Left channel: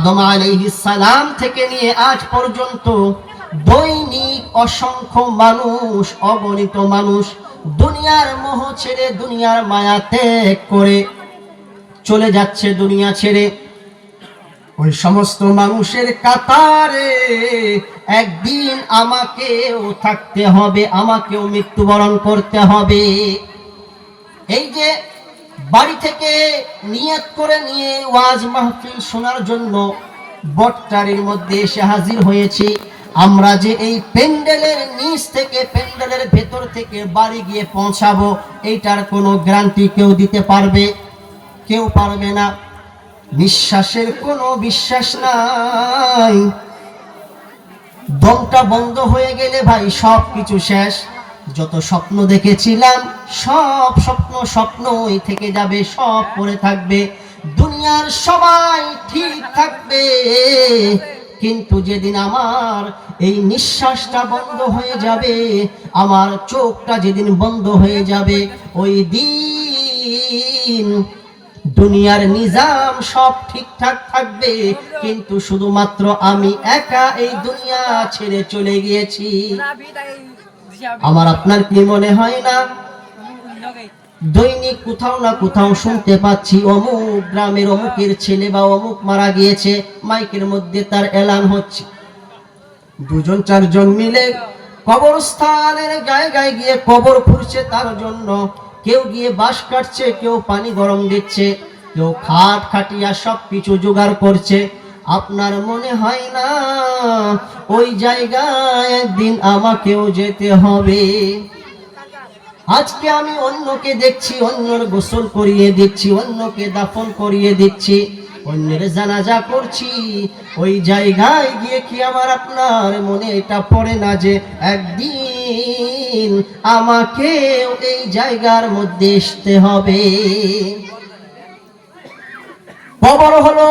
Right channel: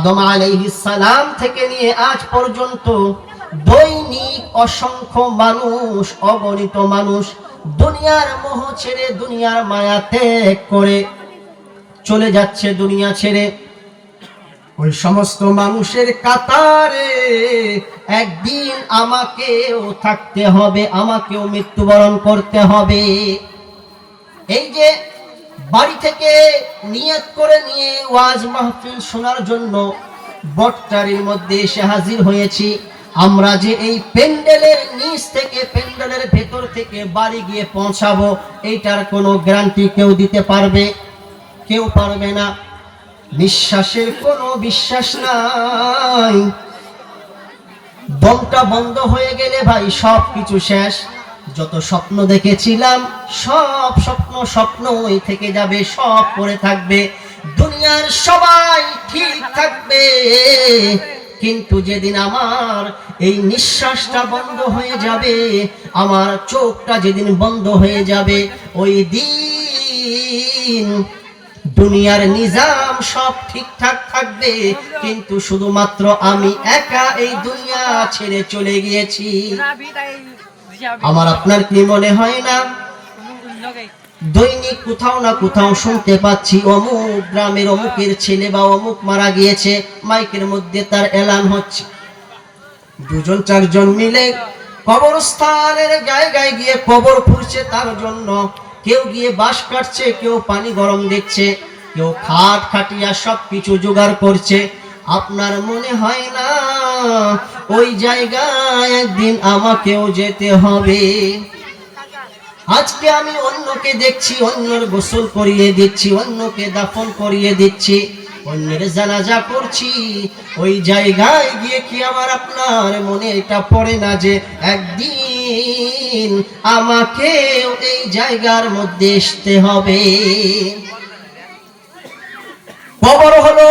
আদম আলাইহিস সালাম থেকে নিয়ে আজ পর্যন্ত দৈনিক অসংখ্য মানুষ, অগণিত মানুষ দুনিয়ার মোহ ছেড়ে, দুনিয়ার মায়া ত্যাগ করে চলে যাচ্ছে দুনিয়া ছেড়ে। ওই সমস্ত মানুষের কাতারে একদিন আমাকেও থাকতে হবে, আমাকেও মৃত্যুবরণ করতে হবে। এই যে বাড়ি থেকে নিয়ত করে নিয়ে ওয়াজ মাহফিল শোনার জন্য বটতলার মধ্যে এসে হাজির হয়েছি, আমরা যে এই প্যান্ডেলের নিচ থেকে, প্যান্ডেলের ভেতর থেকে বাড়ি গিয়ে পৌঁছাবো, এইটার কোনো গ্যারান্টি কেউ দিতে পারবে? কেউ পারবে না। নিঃশ্বাসের কোনো বিশ্বাস নাই। দমটা বন্ধ হয়ে গেলে ভাই সব কিছু শেষ। যত স্বপ্ন দেখেছিলাম সব স্বপ্নই থেকে যাবে, সব পড়ে থাকবে। দুনিয়ার সবাই ঠিক থাকবে, কিন্তু যেদিন আমার এই নিঃশ্বাসটা বন্ধ হয়ে যাবে, আমার চোখটা যেদিন বন্ধ হয়ে যাবে, ওই দিন দুনিয়ার নিজাম সব ঠিকঠাক থাকবে, কিন্তু শুধুমাত্র আমি একা এই দুনিয়া ছেড়ে চলে গিয়েছি। আমার আপনার কি মনে হয় না দৈনিক কোথাও না কোথাও শুনতে পাচ্ছি অমুক গ্রামের অমুকের ছেলে বা অমুক মারা গিয়েছে, মাইকের মধ্যে তার এলান হচ্ছে। দুজন চারজন মিলে কবরস্থানের জায়গায় গিয়ে কবর খুঁড়ছে তার জন্য। কেউ গিয়ে বাঁশ কাটছে, কেউ পানি গরম দিচ্ছে, কেউ খাট খাটিয়া সবকিছু জোগাড় করছে। আপনার মনে হয় না ওই জায়গায় একদিন আমাকেও যেতে হবে? আজকে আমি অন্যকে দেখছি, অন্যর গোসল করিয়ে দিচ্ছি, অন্যকে দাফন করিয়ে দিচ্ছি, অন্যের জানাজা করছি। ওই জায়গায় গিয়ে কি আমার আপনার মনে এটা পড়ে না যে একদিন আমাকেও এই জায়গার মধ্যে আসতে হবে? কবর হলো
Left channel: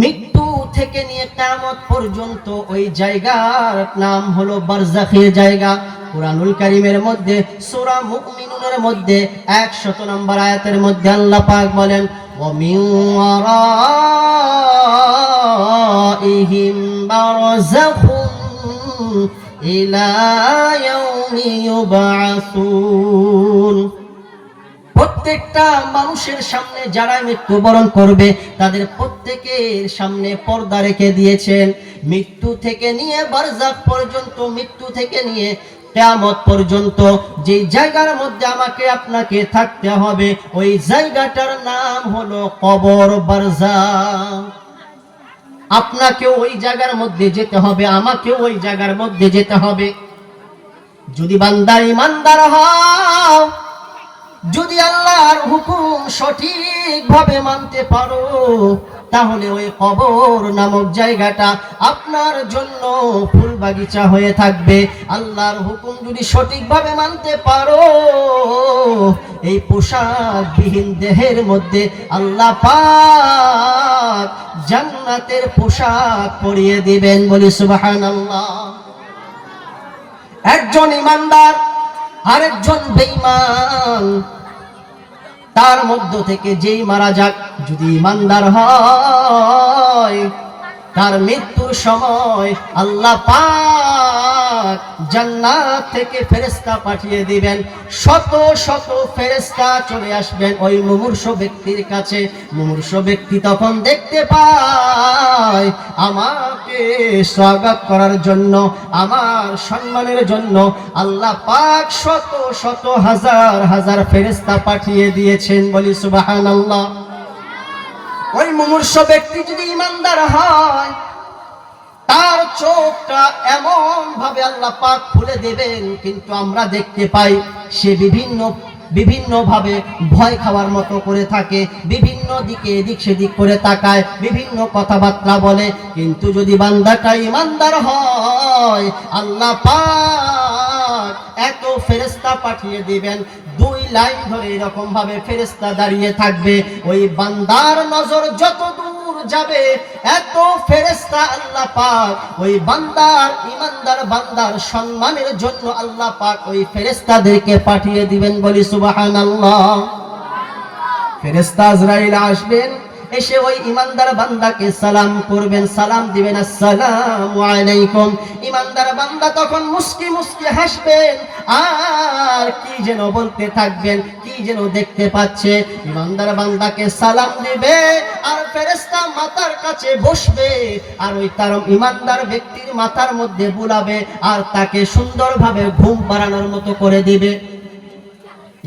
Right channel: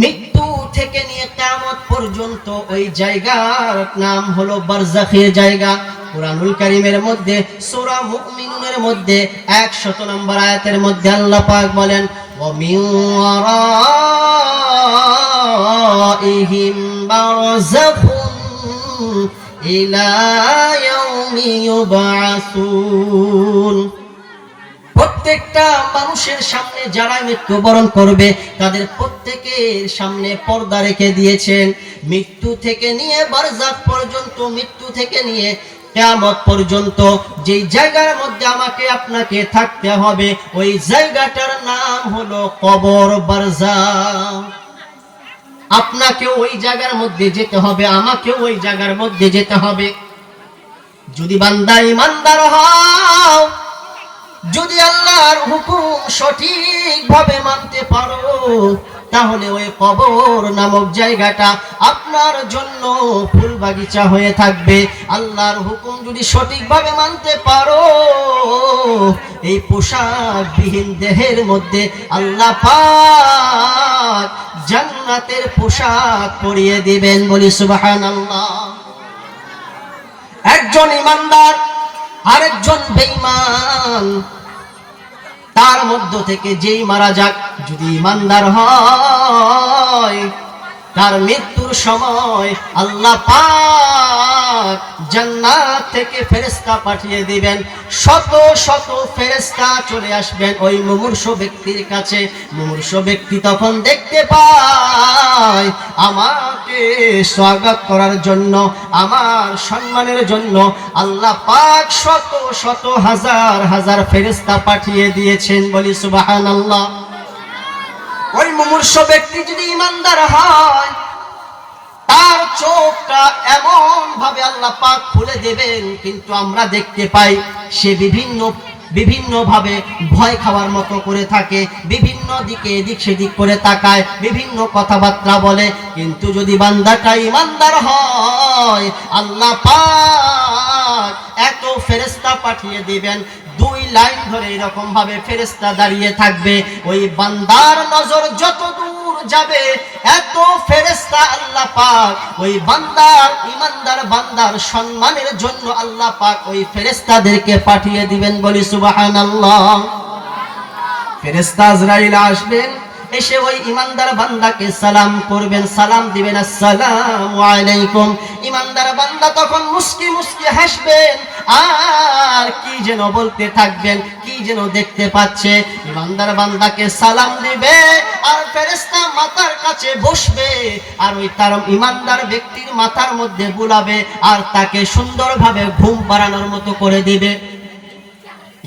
মৃত্যু থেকে নিয়ে কিয়ামত পর্যন্ত ওই জায়গার নাম হলো বারজাখের জায়গা। কুরআনুল কারীমের মধ্যে সূরা মুমিনুনের মধ্যে 100 নম্বর আয়াতের মধ্যে আল্লাহ পাক বলেন, ওয়া মিন ওয়ারাইহিম বারযাখুন ইলা ইয়াউমি ইউবআসুন। প্রত্যেকটা মানুষের সামনে যারা মৃত্যুবরণ করবে তাদের প্রত্যেকের সামনে পর্দা রেখে দিয়েছেন। মৃত্যু থেকে নিয়ে বারজাখ পর্যন্ত, মৃত্যু থেকে নিয়ে কিয়ামত পর্যন্ত যেই জায়গার মধ্যে আমাকে আপনাকে থাকতে হবে, ওই জায়গাটার নাম হলো কবর, বারজাখ। আপনাকেও ওই জায়গার মধ্যে যেতে হবে, আমাকেও ওই জায়গার মধ্যে যেতে হবে। যদি বান্দা ঈমানদার হও, যদি আল্লাহর হুকুম সঠিকভাবে মানতে পারো, তাহলে ওই কবর নামক জায়গাটা আপনার জন্য ফুল বাগিচা হয়ে থাকবে। আল্লাহর হুকুম যদি সঠিকভাবে মানতে পারো, এই পোশাকবিহীন দেহের মধ্যে আল্লাহ পাক জান্নাতের পোশাক পরিয়ে দিবেন। বলি সুবহানাল্লাহ। একজন ঈমানদার আরেকজন বেঈমান, তার মধ্য থেকে যেই মারা যাক, যদি ঈমানদার হয়, তার মৃত্যুর সময় আল্লাহ পাক জান্নাত থেকে ফেরেশতা পাঠিয়ে দিবেন। শত শত ফেরেশতা চলে আসবেন ওই মুমূর্ষ ব্যক্তির কাছে। মুমূর্ষ ব্যক্তি তখন দেখতে পায় আমাকে স্বাগত করার জন্য, আমার সম্মানের জন্য আল্লাহ পাক শত শত হাজার হাজার ফেরেশতা পাঠিয়ে দিয়েছেন। বলি সুবহানাল্লাহ। ওই মুমূর্ষ ব্যক্তি যদি ঈমানদার হয়, তার চোখটা এমন ভাবে আল্লাহ পাক খুলে দেবেন, কিন্তু আমরা দেখতে পাই সে বিভিন্ন ভাবে ভয় খাওয়ার মতো করে থাকে, বিভিন্ন দিকে এদিক সেদিক করে তাকায়, বিভিন্ন কথাবার্তা বলে। কিন্তু যদি বান্দাটা ঈমানদার হয়, আল্লাহ পাক এত ফেরেশতা পাঠিয়ে দিবেন, 2 লাইন ধরে এরকম ভাবে ফেরেশতা দাঁড়িয়ে থাকবে। ওই বান্দার নজর যত দূর যাবে, এত ফেরেশতা আল্লাহ পাক ওই বান্দার, ঈমানদার বান্দার সম্মানের জন্য আল্লাহ পাক ওই ফেরেশতাদেরকে পাঠিয়ে দিবেন। বলি সুবহানাল্লাহ। ফেরেশতা আজরাইল আসবেন, এসে ওই ইমানদার বান্দাকে সালাম করবেন, সালাম দিবেন, আসসালামু আলাইকুম। ইমানদার বান্দা তখন মুস্কি মুস্কি হাসবেন আর কি যেন বলতে থাকবেন, কি যেন দেখতে পাচ্ছে। ইমানদার বান্দাকে সালাম দিবে আর ফেরেশতা মাথার কাছে বসবে আর ওই তার ইমানদার ব্যক্তির মাথার মধ্যে বুলাবে আর তাকে সুন্দরভাবে ঘুম পাড়ানোর মতো করে দিবে।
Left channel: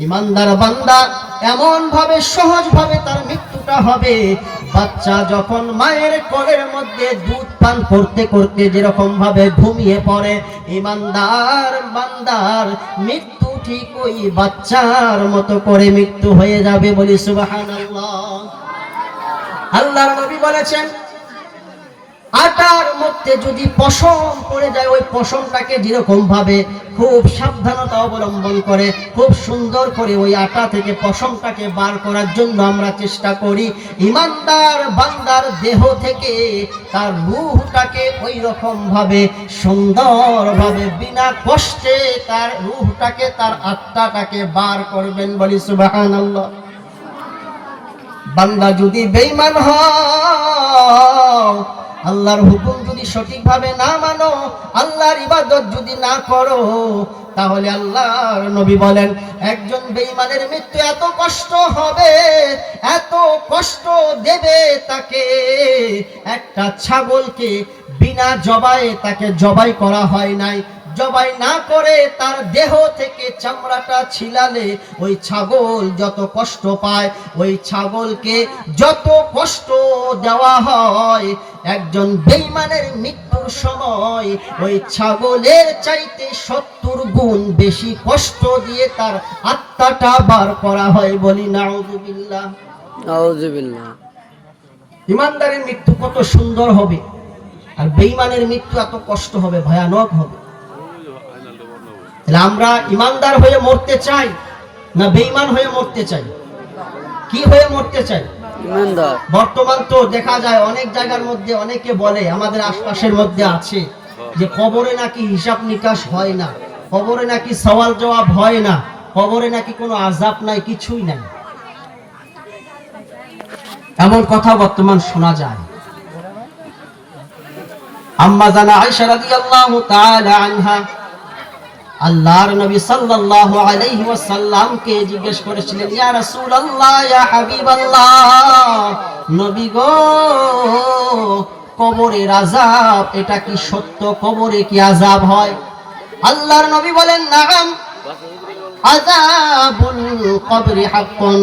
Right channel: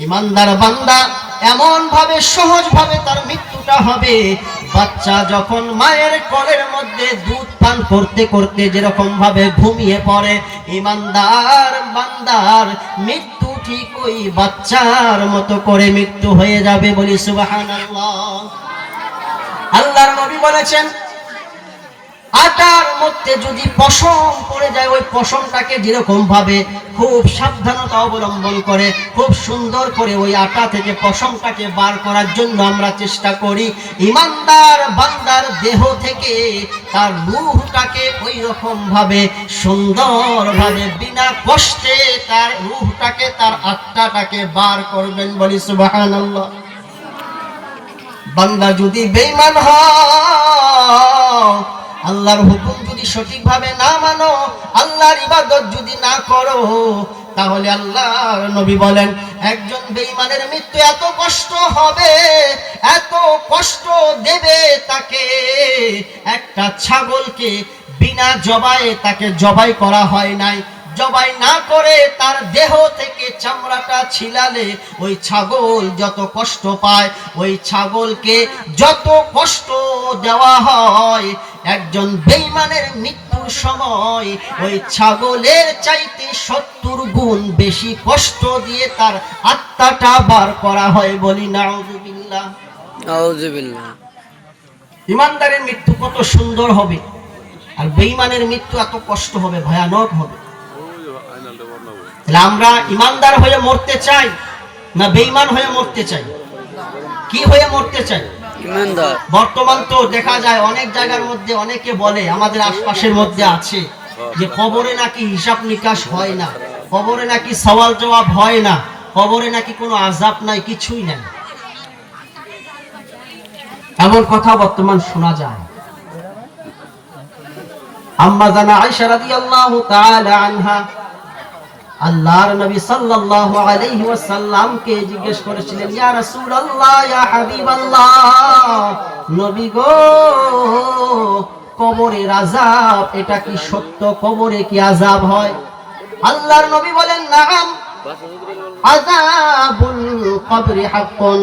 ইমানদার বান্দা এমন ভাবে সহজ ভাবে তার মৃত্যুটা হবে, বাচ্চা যখন মায়ের কোলের মধ্যে দুধ পান করতে করতে যেরকম ভাবে ঘুমিয়ে পড়ে, ইমানদার বান্দার মৃত্যু ঠিক ওই বাচ্চার মতো করে মৃত্যু হয়ে যাবে। বলি সুবহানাল্লাহ। আল্লাহর নবী বলেছেন, আটার মধ্যে যদি পশম পড়ে যায়, ওই পশমটাকে যেরকম ভাবে খুব সাবধানতা অবলম্বন করে খুব সুন্দর করে ওই আটা থেকে পশমটাকে বার করার জন্য আমরা চেষ্টা করি, ইমানদার বান্দার দেহ থেকে তার রূহটাকে ওই রকম ভাবে সুন্দর ভাবে বিনা কষ্টে তার রূহটাকে তার আত্মাটাকে বার করবেন। বলি সুবহানাল্লাহ। বান্দা যদি বেঈমান হয়, আল্লাহর হুকুম যদি সঠিকভাবে না মানো, আল্লাহর ইবাদত যদি না করো, তাহলে আল্লাহর নবী বলেন একজন বেঈমানের মৃত্যু এত কষ্ট হবে, এত কষ্ট দেবে তাকে, একটা ছাগলকে বিনা জবায়ে তাকে জবাই করা হয় নাই, জবাই না করে তার দেহ থেকে চামড়াটা ছিলালে ওই ছাগল যত কষ্ট পায়, ওই ছাগলকে যত কষ্ট দেওয়া হয়, একজন বেঈমানের মৃত্যুর সময় ওই ছাগলের চাইতে 70 গুণ বেশি কষ্ট দিয়ে তার আত্মাটা বার করা হয়। বলি নাউযুবিল্লাহ, নাউযুবিল্লাহ। ইমানদারের মৃত্যু কত সুন্দর হবে আর বেঈমানের মৃত্যু এত কষ্ট হবে, ভয়ানক হবে। আমরা ইমানদার হয়ে মরতে চাই না বেঈমান হয়ে মরতে চাই? কি হয়ে মরতে চাই? ইমানদার। বর্তমান তো দেখা যায় অনেক জায়গার মধ্যে অনেকে বলে, আমাদের আশপাশের মধ্যে আছে, যে কবরে নাকি হিসাব নিকাশ হয় না, কবরে নাকি সওয়াল জবাব হয় না, কবরে নাকি কোনো আযাব নাই, কিছুই নাই। এমন কথা বর্তমান শোনা যায়। আম্মা জানা আয়েশা রাদিয়াল্লাহু তাআলা আনহা আল্লাহর নবী সাল্লাল্লাহু আলাইহি ওয়াসাল্লাম কে জিজ্ঞেস করেছিলেন, ইয়া রাসূলুল্লাহ, ইয়া হাবিবাল্লাহ, নবী গো, কবরের আযাব এটা কি সত্য? কবরে কি আযাব হয়? আল্লাহর নবী বলেন, নাআম, আযাবুল কবরি হাক্কুন।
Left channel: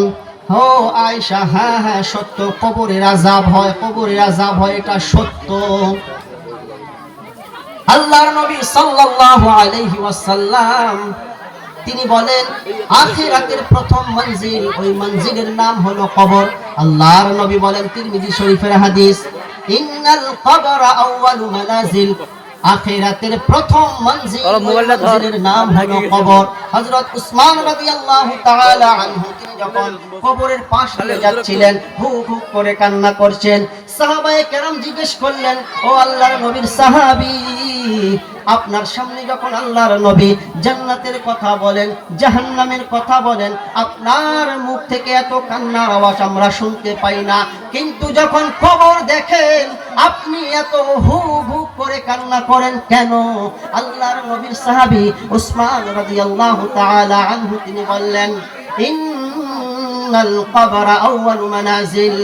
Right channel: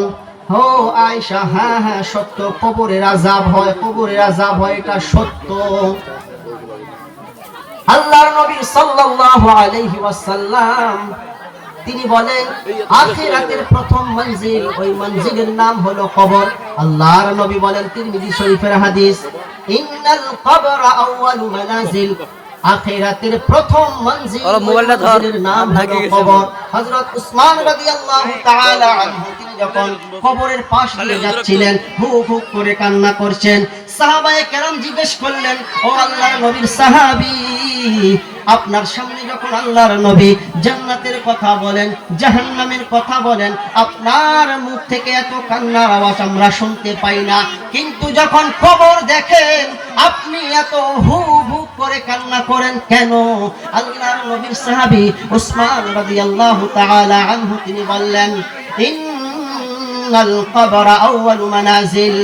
হো আয়েশা, হ্যাঁ হ্যাঁ সত্য, কবরের আযাব হয়, কবরের আযাব হয়, এটা সত্য। আল্লাহর নবী সাল্লাল্লাহু আলাইহি ওয়াসাল্লাম তিনি বলেন, আখিরাতের প্রথম মঞ্জিল, ওই মঞ্জিলের নাম হলো কবর। আল্লাহর নবী বলেন, তিরমিজি শরীফের হাদিস, ইন্নাল কবরা আউয়ালু মানাজিল, আখিরাতের প্রথম মঞ্জিলের নাম হলো কবর। হযরত উসমান রাদিয়াল্লাহু তাআলা আনহু যখন কবরের পাশ দিয়ে যাচ্ছিলেন, হুক হুক করে কান্না করছেন। সাহাবায়ে কেরাম জিজ্ঞেস করলেন, ও আল্লাহর নবীর সাহাবী, আপনার সামনে যখন আল্লাহর নবী জান্নাতের কথা বলেন, জাহান্নামের কথা বলেন, আপনার মুখ থেকে এত কান্নার আওয়াজ আমরা শুনতে পাই না, কিন্তু যখন কবর দেখেন আপনি এত হুক হুক করে কান্না করেন কেন? আল্লাহর নবীর সাহাবী উসমান রাদিয়াল্লাহু তাআলা আনহু তিনি বললেন, ইন্নাল কবরা আউয়ালু মানাজিল,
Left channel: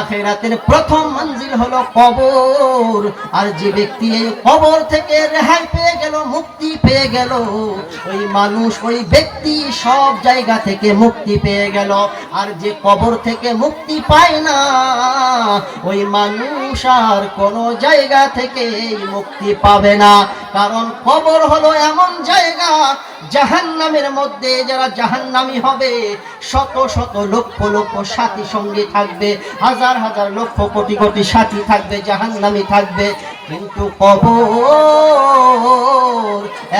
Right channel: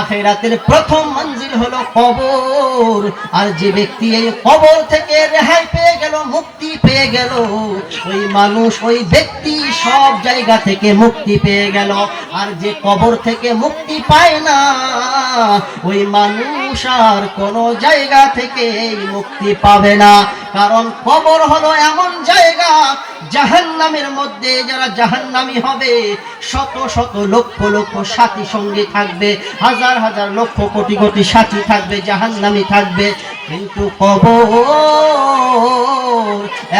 আখিরাতের প্রথম মঞ্জিল হলো কবর। আর যে ব্যক্তি এই কবর থেকে রেহাই পেয়ে গেল, মুক্তি পেয়ে গেল, ওই মানুষ, ওই ব্যক্তি সব জায়গা থেকে মুক্তি পেয়ে গেল। আর যে কবর থেকে মুক্তি পায় না, ওই মানুষ আর কোনো জায়গা থেকে মুক্তি পাবে না। কারণ কবর হলো এমন জায়গা, জাহান্নামের মধ্যে যারা জাহান্নামী হবে, শত শত লক্ষ লক্ষ সাথী সঙ্গী থাকবে, হাজার হাজার লক্ষ কোটি কোটি সাথী থাকবে, জাহান্নামী থাকবে। কিন্তু কবর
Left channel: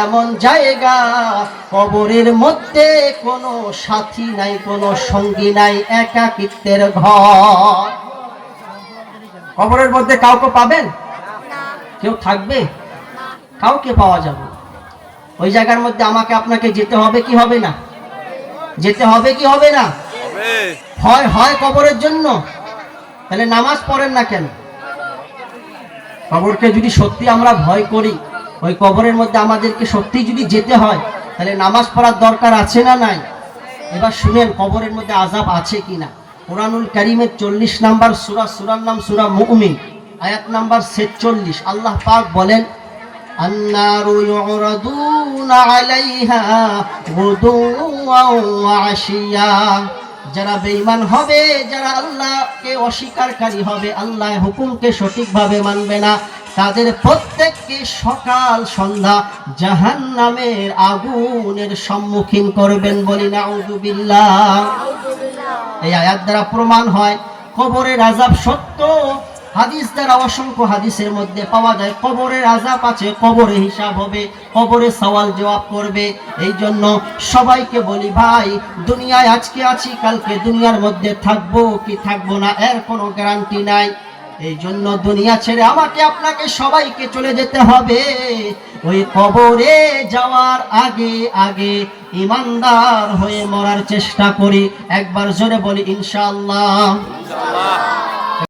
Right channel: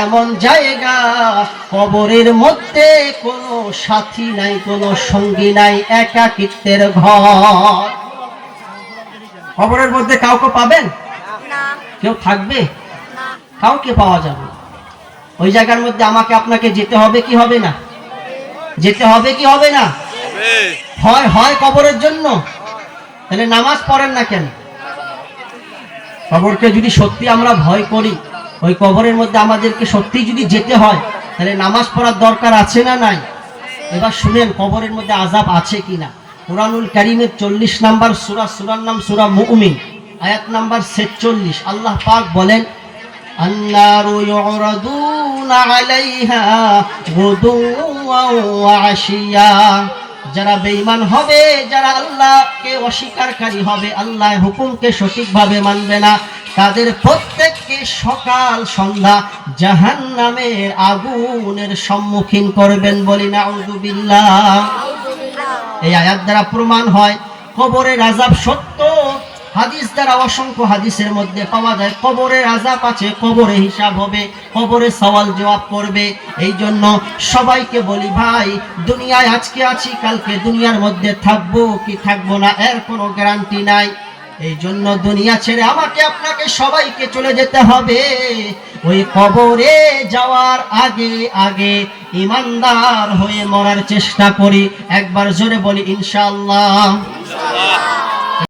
এমন জায়গা, কবরের মধ্যে কোনো সাথী নাই, কোনো সঙ্গী নাই, একাকিত্বের ঘর। কবরের মধ্যে কাউকে পাবেন? কেউ থাকবে? কাউকে পাওয়া যাবে। ওই জায়গার মধ্যে আমাকে আপনাকে যেতে হবে কি হবে না? যেতে হবে কি হবে না? হয় হয় কবরের জন্য, তাহলে নামাজ পড়েন না কেন? কবরকে যদি সত্যি আমরা ভয় করি, ওই কবরের মধ্যে আমাদেরকে সত্যি যদি যেতে হয়, তাহলে নামাজ পড়ার দরকার আছে না নাই? এবার শুনেন কবরের মধ্যে আযাব আছে কিনা। কুরআনুল কারীমের 40 নাম্বার সূরা, সূরার নাম সূরা মুমিন, আয়াত নাম্বার 46, আল্লাহ পাক বলেন, আন্নারু ইউরাদুনা আলাইহা গুদুওয়ান ওয়া আশিয়া। যারা বেঈমান হবে, যারা আল্লাহকে অস্বীকারকারী হবে, আল্লাহর হুকুমকে সঠিকভাবে মানবে না, তাদের প্রত্যেককে সকাল সন্ধ্যা জাহান্নামের আগুনের সম্মুখীন করবেন। বলি নাউযুবিল্লাহ। এই আয়াত দ্বারা প্রমাণ হয় কবরের আযাব সত্য। হাদিস দ্বারা অসংখ্য হাদিসের মধ্যে পাওয়া যায় কবরের আযাব আছে, কবরে হিসাব হবে, কবরে সওয়াল জবাব করবে। এই জন্য সবাইকে বলি ভাই, দুনিয়ায় আজকে আছি, কালকে দুনিয়ার মধ্যে থাকবো কি থাকবো না এর কোনো গ্যারান্টি নাই। এই জন্য দুনিয়া ছেড়ে আমাকে আপনাকে সবাইকে চলে যেতে হবে। ওই কবরে যাওয়ার আগে আগে ইমানদার হয়ে মরার চেষ্টা করি। একবার জোরে বলি ইনশাআল্লাহ।